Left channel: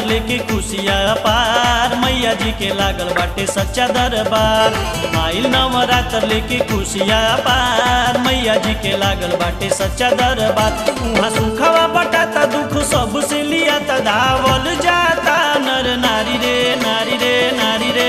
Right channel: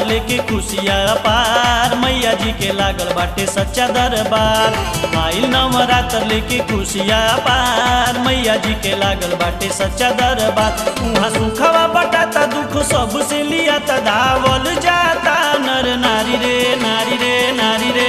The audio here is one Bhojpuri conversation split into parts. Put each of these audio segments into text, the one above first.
नवरात्र लेके खुशियाँ अपार, मैया जी के लागल बाटे सच्चा दरबार। आइल नवरात्र लेके खुशियाँ अपार, मैया जी के लागल बाटे सच्चा दरबार। उहाँ सुखवा बटाता दुख सबसे लियाता, धावल जाता नर नारी रे नारी रे नारी रे।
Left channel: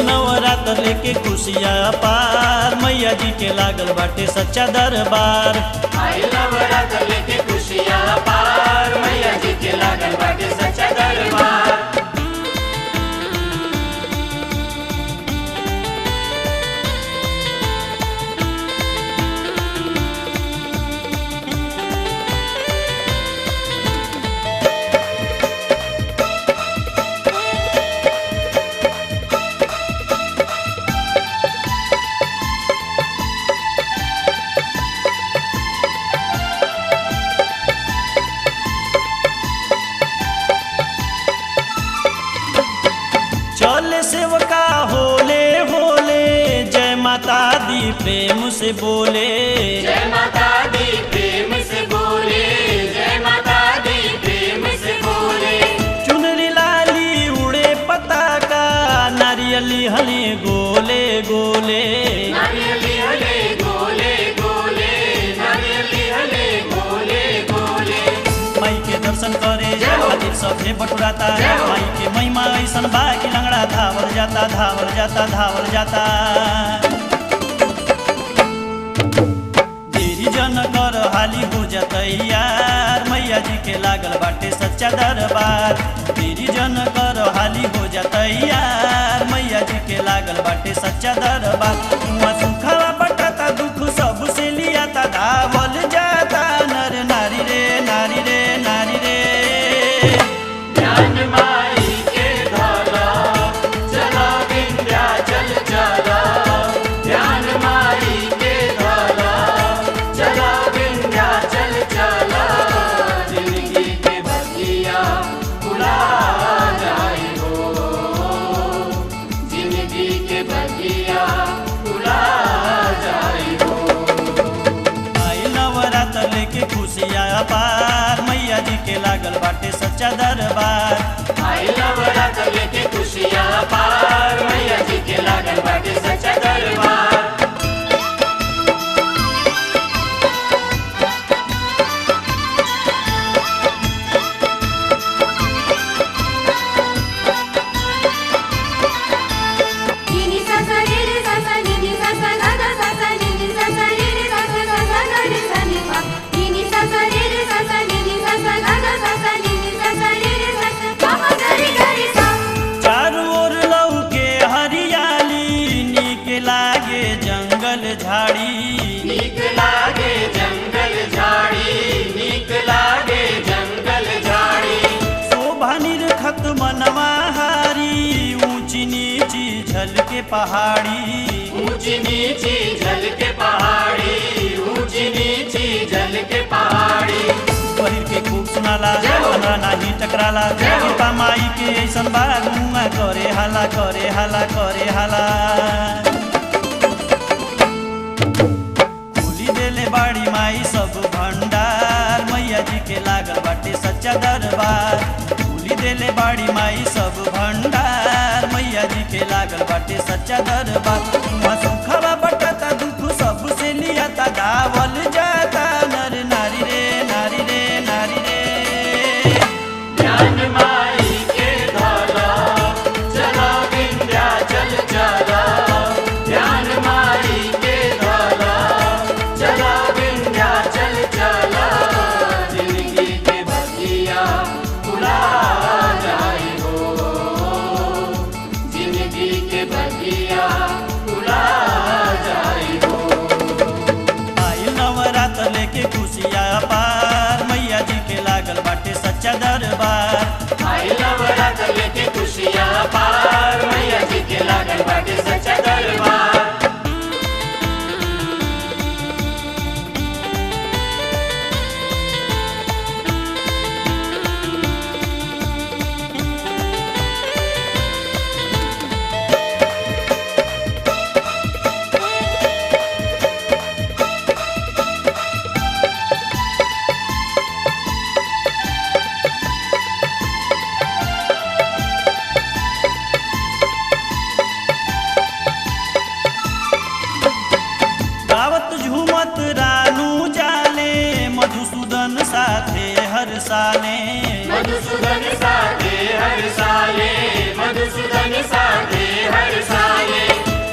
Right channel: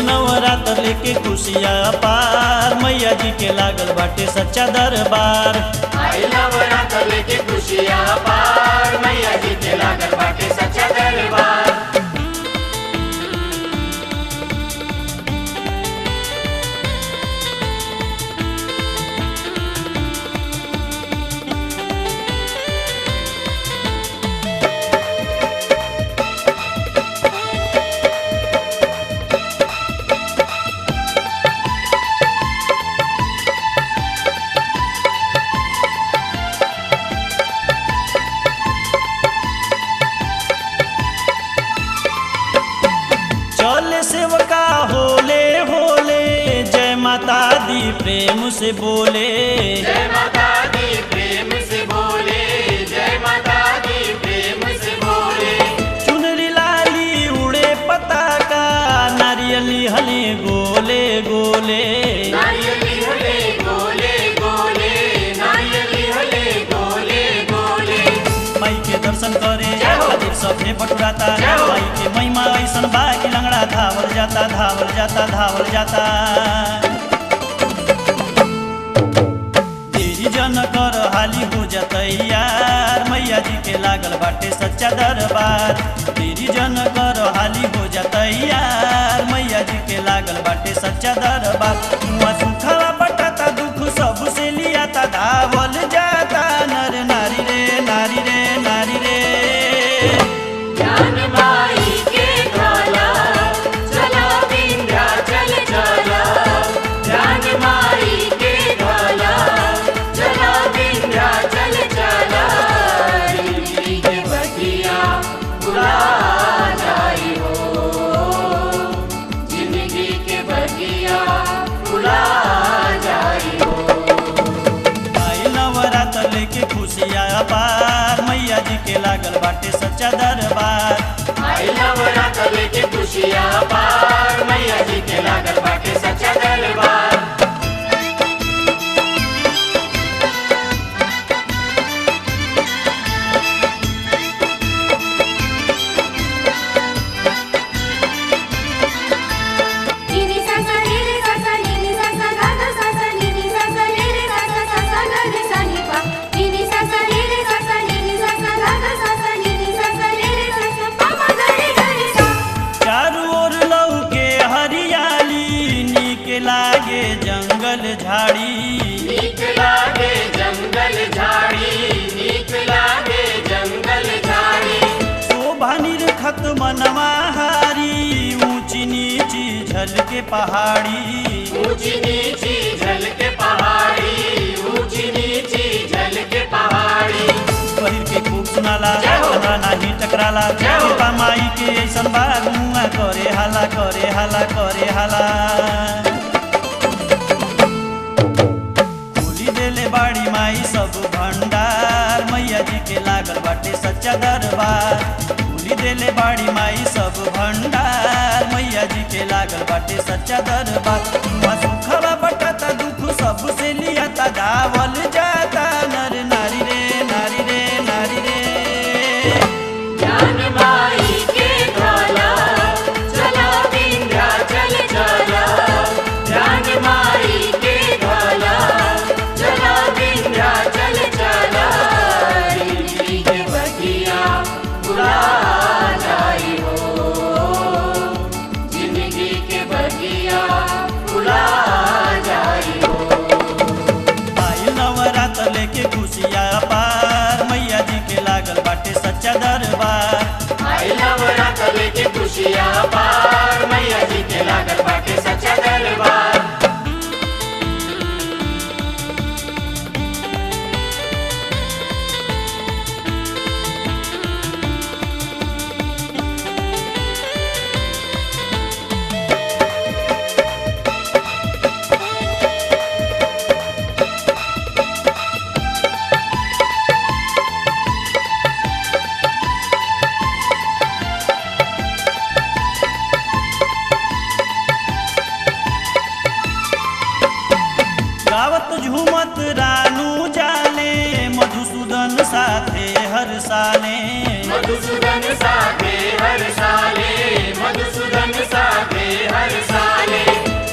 नवरात्र लेके खुशियाँ अपार, मैया जी के लागल बाटे सच्चा दरबार। नवरात्र लेके खुशियाँ अपार, मैया जी के लागल बाटे सच्चा दरबार। चले सेवका होले होले, जय माता दी प्रेम से बोले। जय माता दी प्रेम से बोले, जय माता दी प्रेम से बोले। चुनरी लाली उड़े पताका, नारियली हले गोले गोले। नारियली हले गोले गोले, नारियली हले गोले गोले। माई के दर्शन करे खातिर सभे बटुराता, माई के महिमा ऐसन बा कि लंगड़ा धावल जाता धावल जाता धावल जाता। देरी जन कर हाली हो जाता यार, मैया जी के लागल बाटे सच्चा दरबार। देरी जन कर हाली हो जाता यार, मैया जी के लागल बाटे सच्चा दरबार। उहाँ सुखवा बटाता दुख सबसे लियाता, धावल जाता नर नारी रे नारी रे नारी रे। लेके खुशियाँ अपार, मैया जी के लागल बाटे सच्चा दरबार। नवरात्र लेके खुशियाँ अपार, मैया जी के लागल बाटे सच्चा दरबार। लागे जंगल झाड़ी, नीक लागे जंगल झाड़ी, नीक लागे जंगल झाड़ी। शोभा निरखत मनवा हारी, ऊंची नीची झलके पहाड़ी। ऊंची नीची झलके पहाड़ी, ऊंची नीची झलके पहाड़ी। पहिर के खूब सुनाला, हमरा नाही टकराला, कृपा माई के ऐसन बागुआ करे हाला करे हाला करे हाला। देले बाड़ी माई सब भंडार, मैया जी के लागल बाटे सच्चा दरबार। भूली देले बाड़ी माई सब भंडार, मैया जी के लागल बाटे सच्चा दरबार। उहाँ सुखवा बटाता दुख सबसे लियाता, धावल जाता नर नारी रे नारी रे नारी रे। लेके खुशियाँ अपार, मैया जी के लागल बाटे सच्चा दरबार। नवरात्र लेके खुशियाँ अपार, मैया जी के लागल बाटे सच्चा हनुमत रानू जाले मधुसूदन साथे हर साले मधुसूदन साथे हर साले मधुसूदन साथे हर साले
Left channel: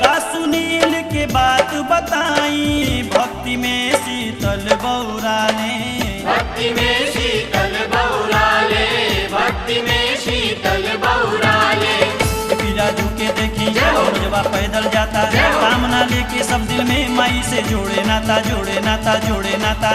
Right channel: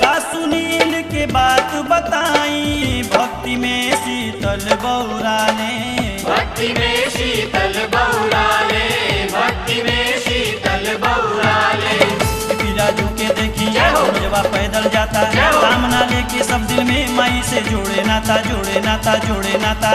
का सुनील के बात बताई भक्ति में शीतल बौराले भक्ति में शीतल बौराले भक्ति में शीतल बौराले राजू के देखी जवा पैदल जाता सामना लेके सब दिल में माई से जोड़े नाता जोड़े नाता जोड़े नाता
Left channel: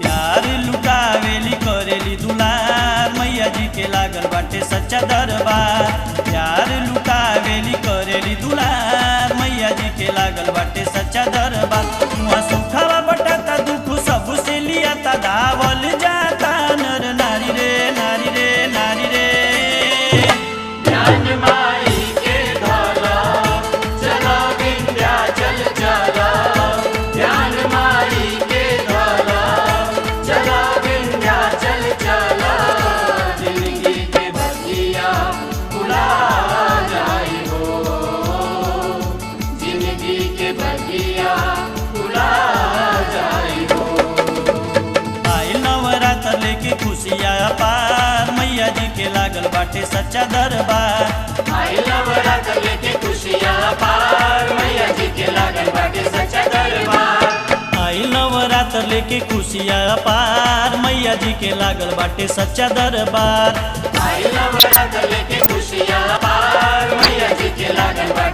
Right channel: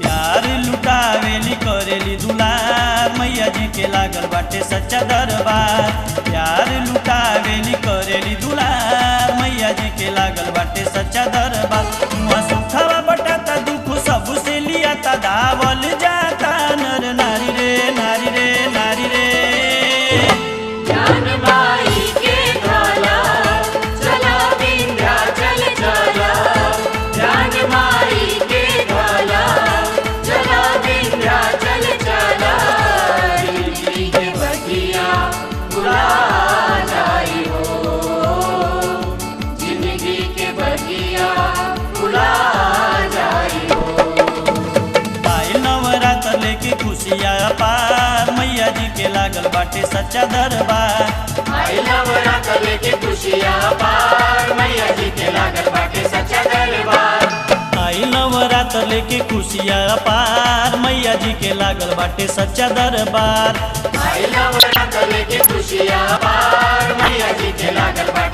प्यार लुटावेली करेली दुलार मैया जी के लागल बाटे सच्चा दरबार प्यार लुटावेली करेली दुलार मैया जी के लागल बाटे सच्चा दरबार वहाँ सुखावा बटाता दुख सबसे लियाता धावल जाता नर नारी रे नारी रे नारी रे ज्ञान माई के ढाला चला विंध्याचल चला ज्ञान माई के ढाला चला विंध्याचल चला जिंदगी के भगिया भुला जाई हो जिंदगी के भगिया भुला जाई हो आइल नवरात्र लेके खुशियाँ पार मैया जी के लागल बाटे सच्चा दरबार आई नवरात्र लेके खुशियाँ पार मैया जी के लागल बाटे सच्चा दरबार आइल नवरात्र लेके खुशियाँ पार मैया जी के लागल बाटे सच्चा दरबार आई नवरात्र लेके खुशियाँ पार मैया जी के लागल बाटे